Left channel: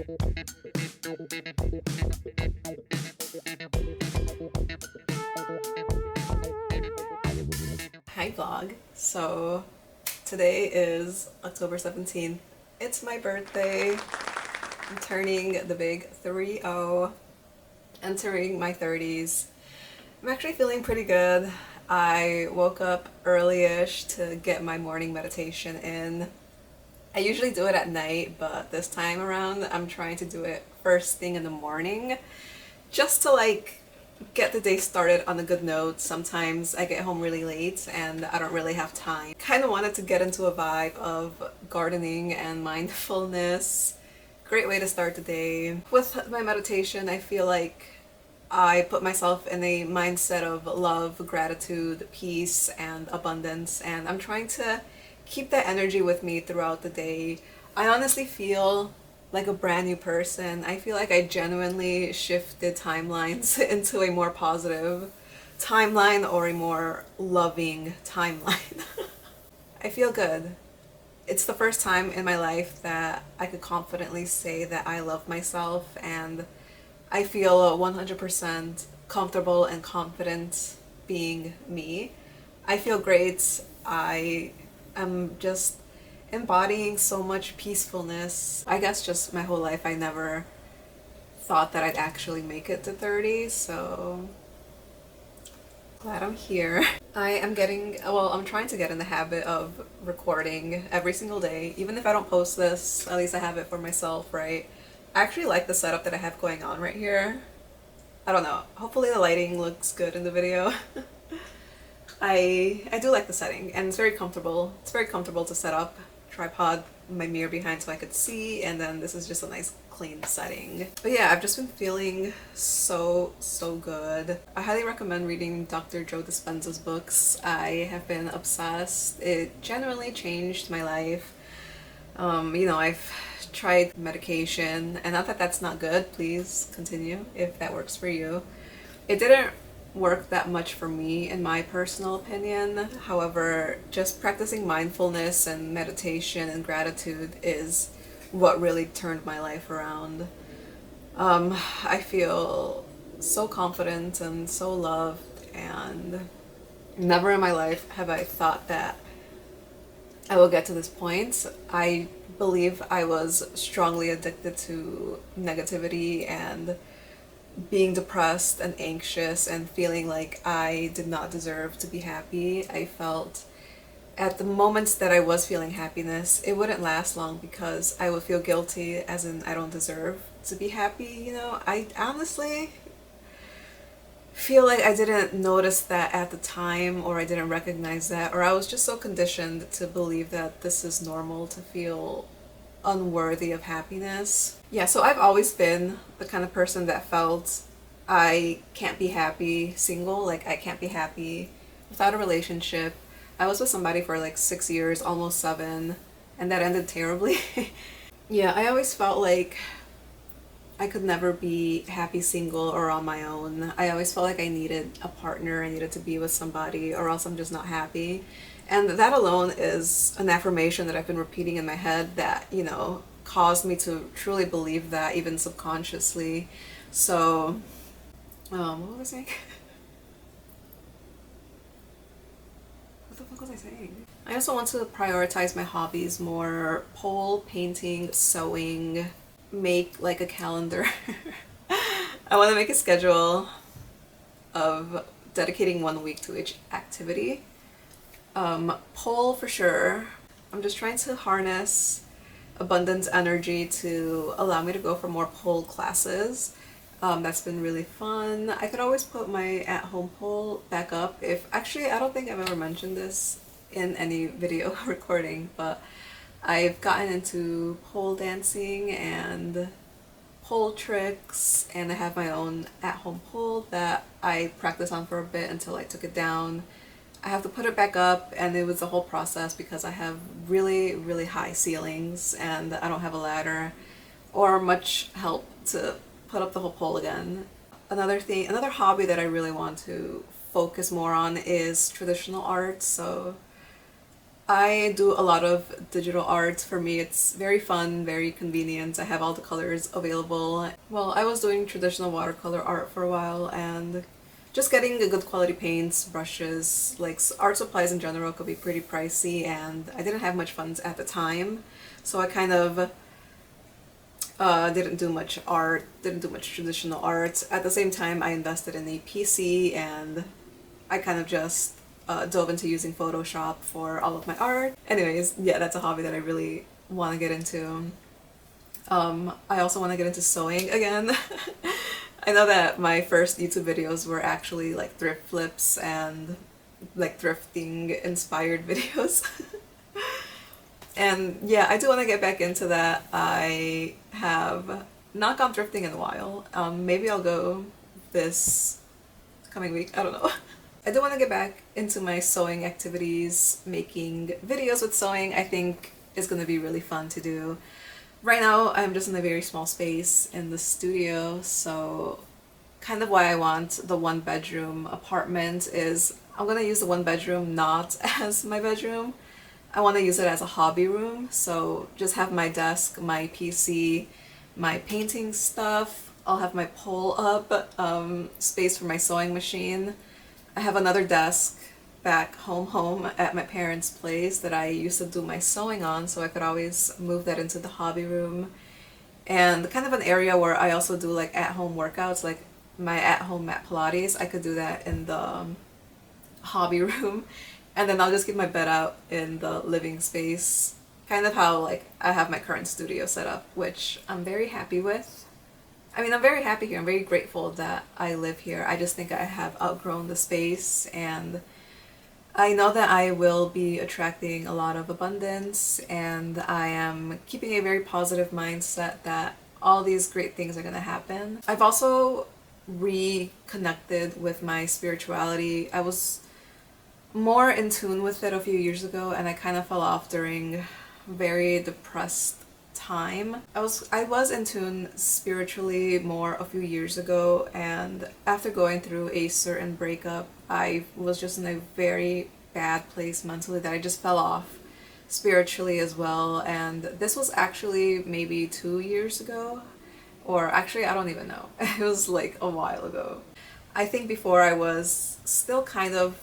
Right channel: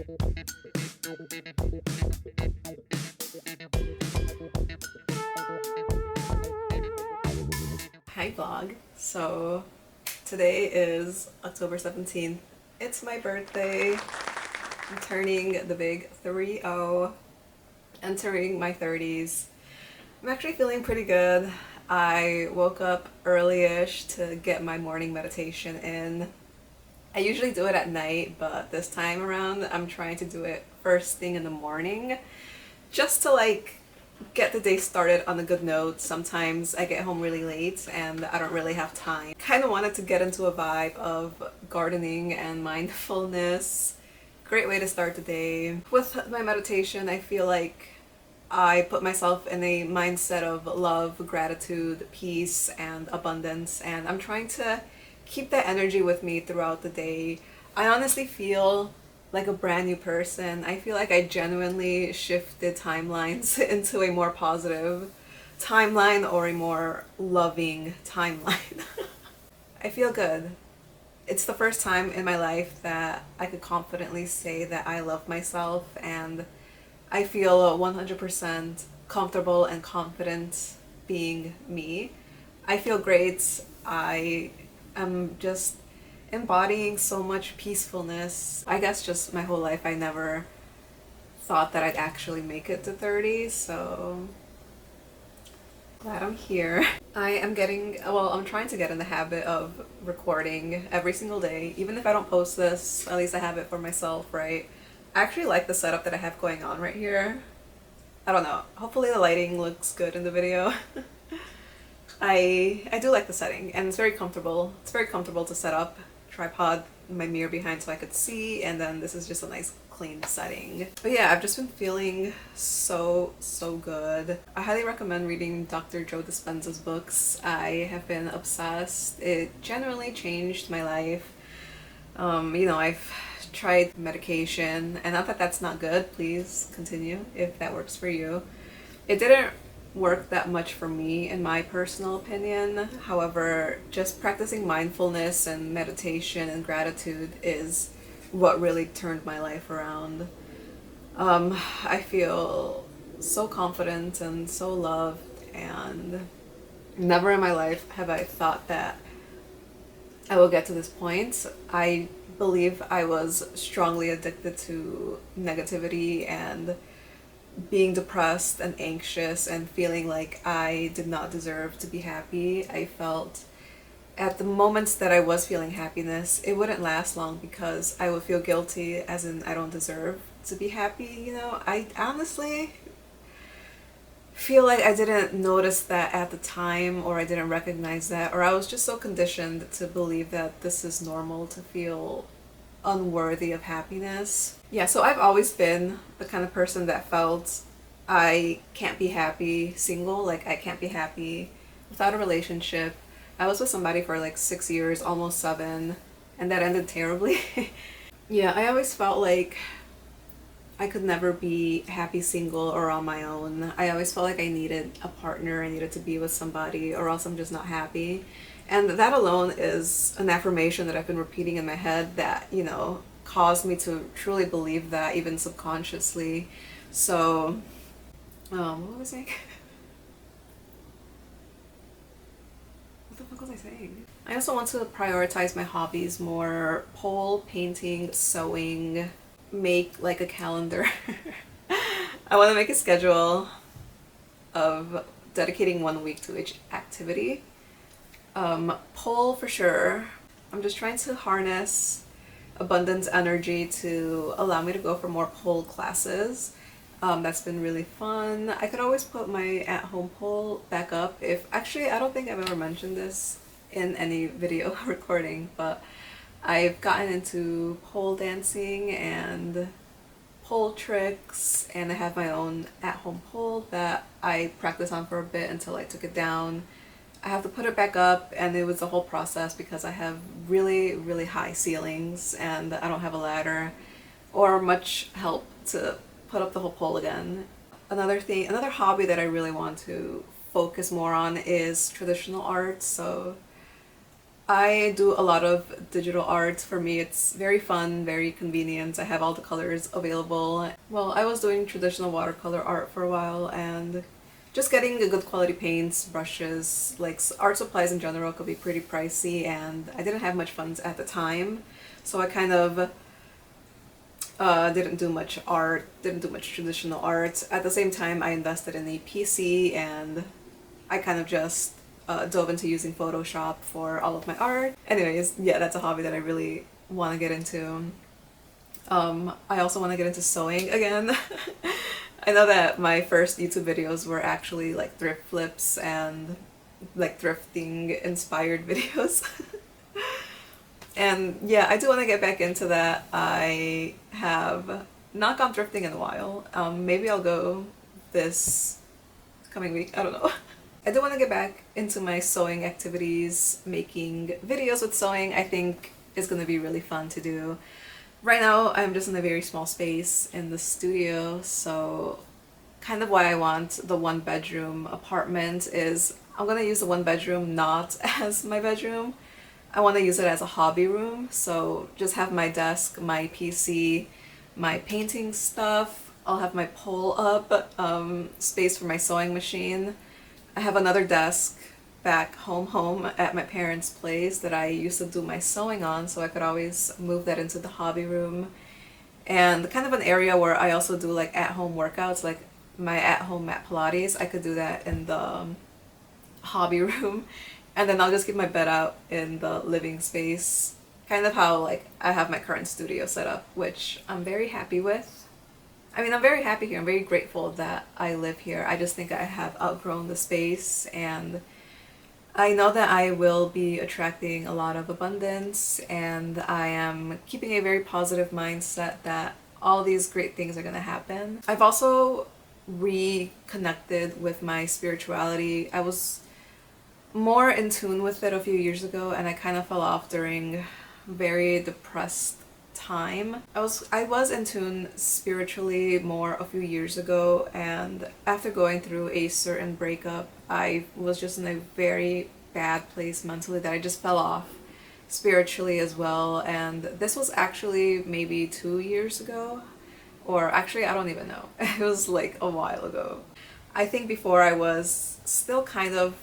Hi vlog. So today is October 17th. It's my birthday. I'm turning the big 30, entering my 30s. I'm actually feeling pretty good. I woke up early-ish to get my morning meditation in. I usually do it at night, but this time around I'm trying to do it first thing in the morning just to get the day started on a good note. Sometimes I get home really late and I don't really have time. Kind of wanted to get into a vibe of gardening and mindfulness. Great way to start the day. With my meditation, I feel like I put myself in a mindset of love, gratitude, peace, and abundance, and I'm trying to keep that energy with me throughout the day. I honestly feel like a brand new person. I feel like I genuinely shifted timelines into a more positive timeline or a more loving timeline. I feel good. It's the first time in my life that I could confidently say that I love myself, and I feel 100% comfortable and confident being me. I feel great. I am just embodying so much peacefulness. I guess just my whole life I never thought that I'd actually make it to 30, so glad I'm here. I'm trying to get in the habit of recording every single day. Even if I don't post this, at least I have it for myself, right? I actually like the setup that I have going on right here. I don't know. Hopefully the lighting looks good in the video. I do like the setting, and it's very comfortable. It's very comfortable to set up. Tripod, my mirror behind so I could see, and then this is just a nice clean setting. But yeah, I've just been feeling so good. I highly recommend reading Dr. Joe Dispenza's books. I have been obsessed. It generally changed my life. I've tried medication, and not that that's not good. Please continue if that works for you. It didn't work that much for me in my personal opinion. However, just practicing mindfulness and meditation and gratitude is what really turned my life around. I feel so confident and so loved, and never in my life have I thought that I will get to this point. I believe I was strongly addicted to negativity and being depressed and anxious and feeling like I did not deserve to be happy. I felt at the moments that I was feeling happiness, it wouldn't last long because I would feel guilty, as in I don't deserve to be happy. I honestly feel like I didn't notice that at the time, or I didn't recognize that, or I was just so conditioned to believe that this is normal to feel unworthy of happiness. Yeah, so I've always been the kind of person that felt I can't be happy single, like I can't be happy without a relationship. I was with somebody for like 6 years, almost 7, and that ended terribly. Yeah, I always felt like I could never be happy single or on my own. I always felt like I needed a partner, I needed to be with somebody, or else I'm just not happy. And that alone is an affirmation that I've been repeating in my head that, caused me to truly believe that, even subconsciously. So, what was I saying? What the fuck was I saying? I also want to prioritize my hobbies more: pole painting, sewing, make like a calendar. I want to make a schedule of dedicating 1 week to each activity. Pole for sure. I'm just trying to harness abundance energy to allow me to go for more pole classes. That's been really fun. I could always put my at-home pole back up. I don't think I've ever mentioned this in any video recording, but I've gotten into pole dancing and pole tricks, and I have my own at-home pole that I practiced on for a bit until I took it down. I have to put it back up, and it was a whole process because I have really high ceilings and I don't have a ladder or much help to put up the whole pole again. Another hobby that I really want to focus more on is traditional art. So I do a lot of digital art. For me, it's very fun, very convenient. I have all the colors available. Well, I was doing traditional watercolor art for a while, and just getting a good quality paints, brushes, like art supplies in general could be pretty pricey, and I didn't have much funds at the time. So I kind of didn't do much art, didn't do much traditional art. At the same time, I invested in a PC, and I kind of just dove into using Photoshop for all of my art. Anyways, yeah, that's a hobby that I really want to get into. I also want to get into sewing again. I know that my first YouTube videos were actually like thrift flips and like thrifting inspired videos. And yeah, I do want to get back into that. I have not gone thrifting in a while. Maybe I'll go this coming week. I don't know. I do want to get back into my sewing activities, making videos with sewing. I think is going to be really fun to do. Right now, I'm just in a very small space in the studio, so kind of why I want the one bedroom apartment is I'm going to use the one bedroom not as my bedroom. I want to use it as a hobby room, so just have my desk, my PC, my painting stuff. I'll have my pull up space for my sewing machine. I have another desk back home at my parents' place that I used to do my sewing on, so I could always move that into the hobby room. And kind of an area where I also do like at-home workouts, like my at-home mat Pilates. I could do that in the hobby room. And then I'll just get my bed out in the living space. Kind of how like I have my current studio set up, which I'm very happy with. I mean, I'm very happy here. I'm very grateful that I live here. I just think I have outgrown the space, and I know that I will be attracting a lot of abundance, and I am keeping a very positive mindset that all these great things are going to happen. I've also reconnected with my spirituality. I was more in tune with it a few years ago, and I kind of fell off during very depressed time. I was in tune spiritually more a few years ago, and after going through a certain breakup, I was just in a very bad place mentally that I just fell off spiritually as well. And this was actually maybe 2 years ago, or actually I don't even know. It was like a while ago. I think before I was still kind of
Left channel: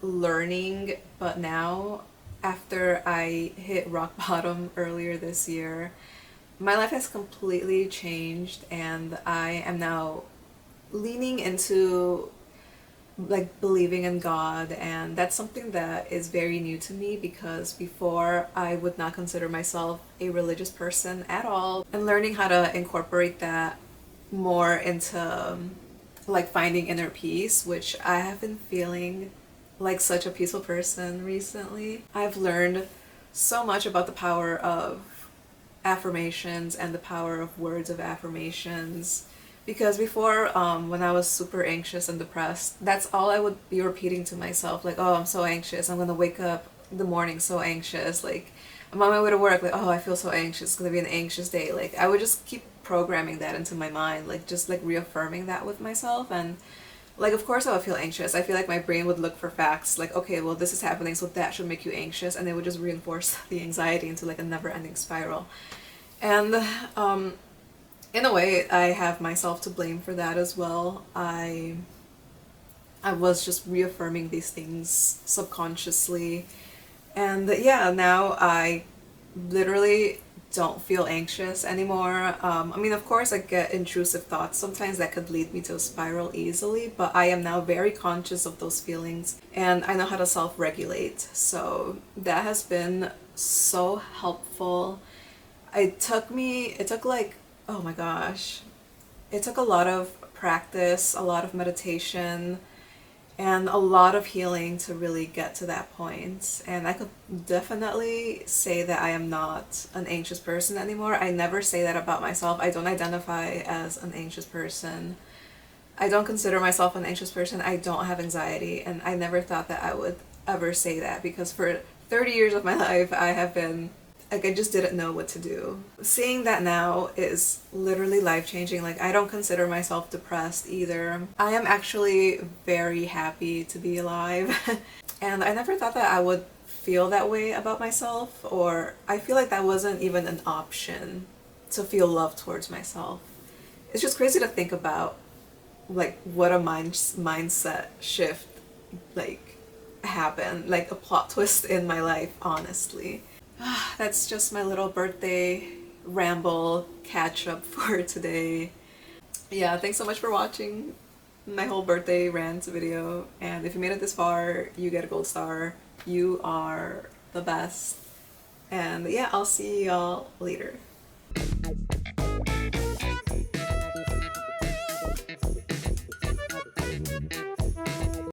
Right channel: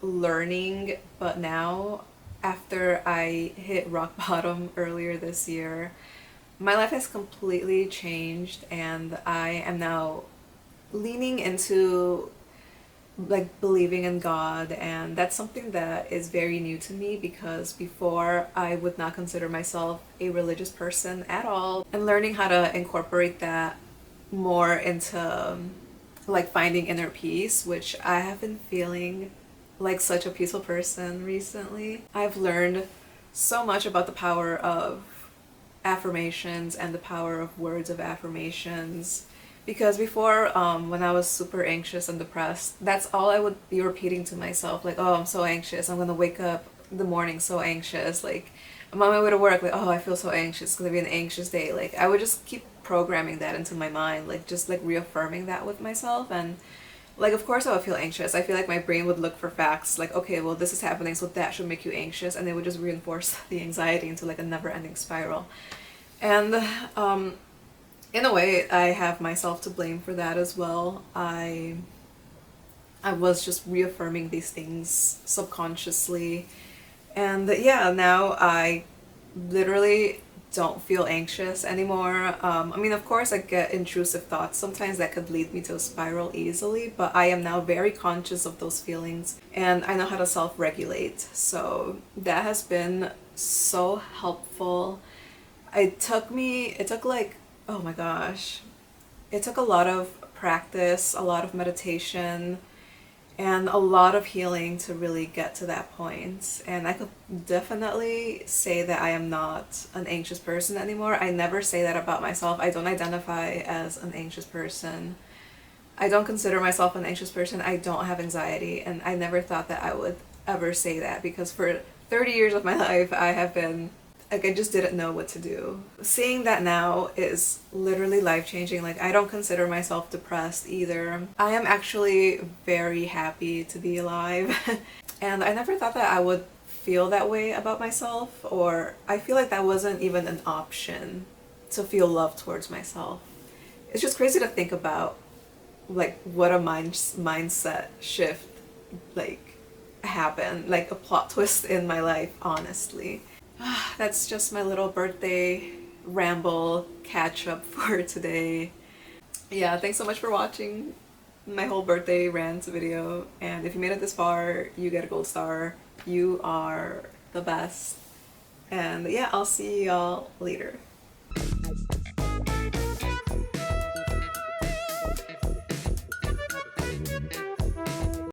learning, but now after I hit rock bottom earlier this year, my life has completely changed, and I am now leaning into like believing in God, and that's something that is very new to me because before I would not consider myself a religious person at all, and learning how to incorporate that more into like finding inner peace, which I have been feeling like such a peaceful person recently. I've learned so much about the power of affirmations and the power of words of affirmations, because before when I was super anxious and depressed, that's all I would be repeating to myself, like, oh, I'm so anxious, I'm gonna wake up in the morning so anxious, like I'm on my way to work, like, oh, I feel so anxious, it's gonna be an anxious day. Like I would just keep programming that into my mind, like just like reaffirming that with myself. And like, of course I would feel anxious. I feel like my brain would look for facts, like, okay, well, this is happening, so that should make you anxious, and it would just reinforce the anxiety into like a never-ending spiral. And in a way, I have myself to blame for that as well. I was just reaffirming these things subconsciously, and yeah, now I literally don't feel anxious anymore. I mean, of course, I get intrusive thoughts sometimes that could lead me to a spiral easily, but I am now very conscious of those feelings, and I know how to self-regulate. So that has been so helpful. It took like, oh my gosh, it took a lot of practice, a lot of meditation, and a lot of healing to really get to that point. And I could definitely say that I am not an anxious person anymore. I never say that about myself. I don't identify as an anxious person. I don't consider myself an anxious person. I don't have anxiety, and I never thought that I would ever say that, because for 30 years of my life I have been like, I just didn't know what to do. Seeing that now is literally life-changing. Like, I don't consider myself depressed either. I am actually very happy to be alive. And I never thought that I would feel that way about myself, or I feel like that wasn't even an option to feel love towards myself. It's just crazy to think about, like, what a mindset shift, like, happened, like a plot twist in my life, honestly. That's just my little birthday ramble catch up for today. Yeah, thanks so much for watching my whole birthday rant video, and if you made it this far, you get a gold star. You are the best. And yeah, I'll see y'all later.